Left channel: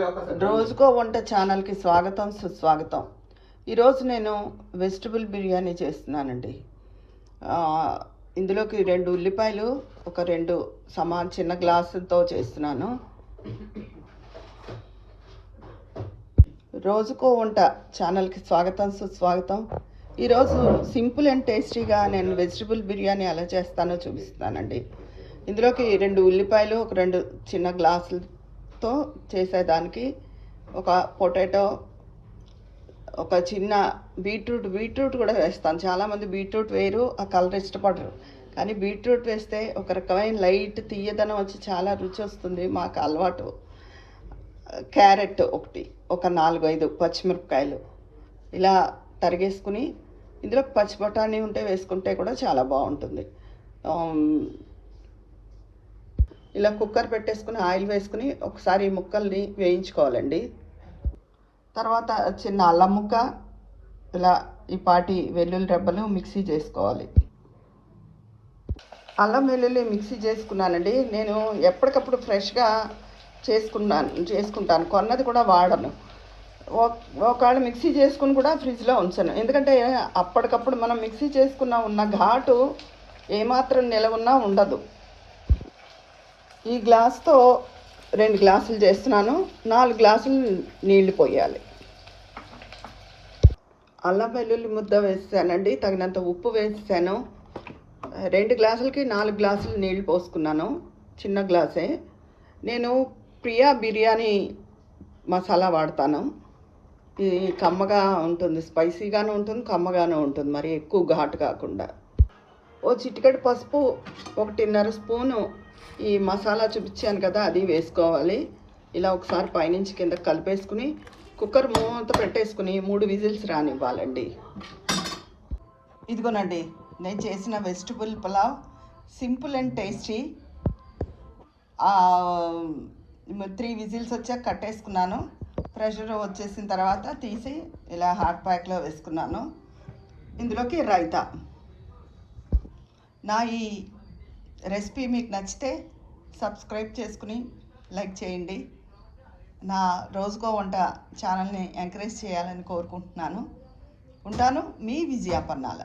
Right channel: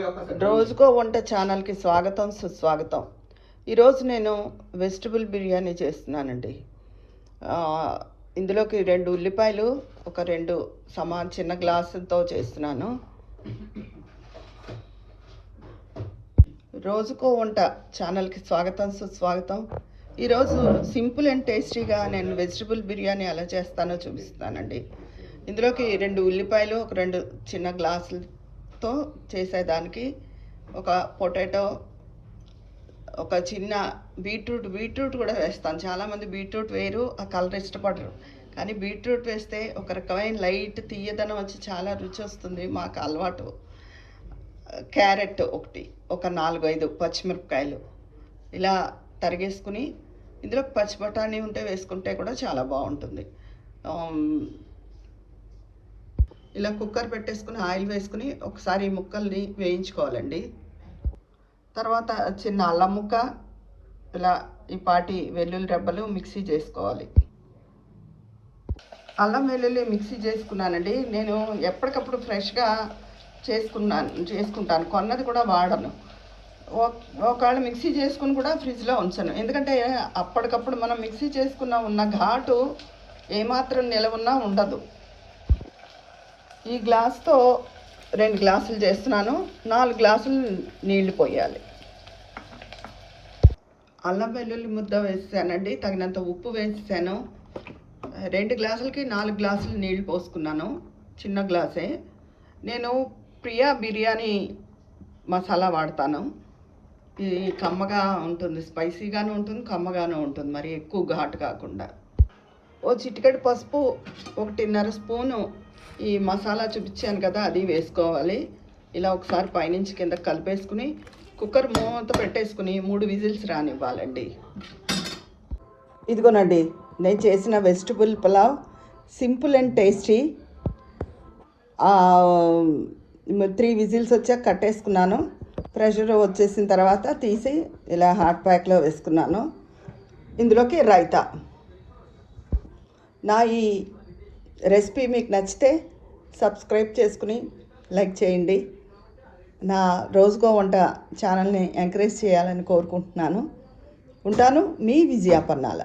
రోజుకో వంట ఛానల్కి స్వాగతం సుస్వాగతం. ఈరోజు నేను వెజిటబుల్ బిర్యానీ చేస్తున్నానండి. ఇందులోకి 2 ఉల్లిపాయలు, ఒక 2 చిన్న గ్లాసులతో చేస్తున్నాను. రోజుకో వంట ఛానల్కి స్వాగతం సుస్వాగతం. ఈరోజు సింపుల్ అండ్ టేస్టీగా నేను వెజిటబుల్ బిర్యానీ ఎలా చేస్తానో చూపిస్తానండి. ఇందులోకి 2 ఉల్లిపాయలు, ఒక 2 చిన్న గ్లాసులతో చేసేదానికి ఒక పొటాటో, ఒక చిన్న బీట్రూట్ కూడా వేస్తాను. చాలామంది బీట్రూట్ వేయరు, ఆ కలర్ ఇష్టపడరు. కానీ బీట్రూట్ వేస్తే ఒక రకమైన లైట్ తీయదనం వచ్చి చాలా రుచి వస్తుంది, మాకు అలవాటు. క్యారెట్ ఒకటి, ఒక 4-5 పచ్చిమిరపకాయలు ఇలా తరిగేసుకుని, ఇందులో పచ్చి బఠానీ ఉంటే వేసుకుంటే కూడా చాలా బాగుంటుంది. ఇలా కుక్కర్ పెట్టేసుకుని ఆయిల్ వేసుకుని ఒకసారి ముక్కల్ని వేయించుకోవాలండి. తర్వాత చిన్న అల్లం ముక్క, ఇలా ఈ పాటి వెల్లుల్లి రెబ్బలు మిక్సీ చేసుకోవాలి. అల్లం వెల్లుల్లి మిక్సీ చేసుకున్నానండి. నేను ఎప్పటికప్పుడు ఫ్రెష్గా చేసుకుంటాను, కొన్నది కూడా వాడను. ఒకవేళ మిక్సీ చేసుకుని కూడా ఫ్రిడ్జ్లో ఉంచాను, ఎందుకంటే అప్పటికప్పుడు మనం మిక్సీ ఉన్న ఘాటు ఏమాత్రం నిలవున్నా ఉండదు. ఈ గ్లాస్తో 2 గ్లాసులు చేస్తున్నాను, 4 గ్లాసులు నీళ్లు పోయాలి. అల్లం వెల్లుల్లి ముద్ద వేసానండి, తగినంత ఉప్పు వేసాను. 2 గ్లాసులకి 4 గ్లాసులు నీళ్లు పోసుకున్నాను, చిన్న గ్లాసే. నేను ప్రియా బిర్యానీ మసాలా వాడతాను. ఇది కమ్మగా ఉంటుంది, స్పైసీగాను ఉంటుంది, కమ్మగాను ఉంటుంది, మరి ఎక్కువ ఘాటు కాకుండా. ఓ చిటికెడు పసుపు, 1.5 స్పూను ఈ మసాలా చూపించాను కదా, అది వేసుకోవాలి. ఇలా ఒకసారి పైనుంచి కింద కలిపేసుకుని కుక్కర్ మూత పెట్టేసుకుని 3 విజిల్స్ రానివ్వాలండి. ఇదిగోనండి నేను చేసిన vegetable pulao, simple and tasty. 3 whistles వచ్చాక కట్టేసుకున్నాను. ప్రెషర్ వచ్చేసిన తర్వాత తీసి ఇలా హాట్ ప్యాక్లో వేసుకున్నాను. ఇందులోకి రైతా. నా ఈ రెసిపీ మీకు నచ్చితే సబ్స్క్రైబ్ చేసుకుని లైక్ చేయండి. నా రోజుకో వంట ఛానల్ని ఎంకరేజ్ చేయాలని కోరుకుంటున్నాను. ఉంటాను, మీ విజయాపన్నాల.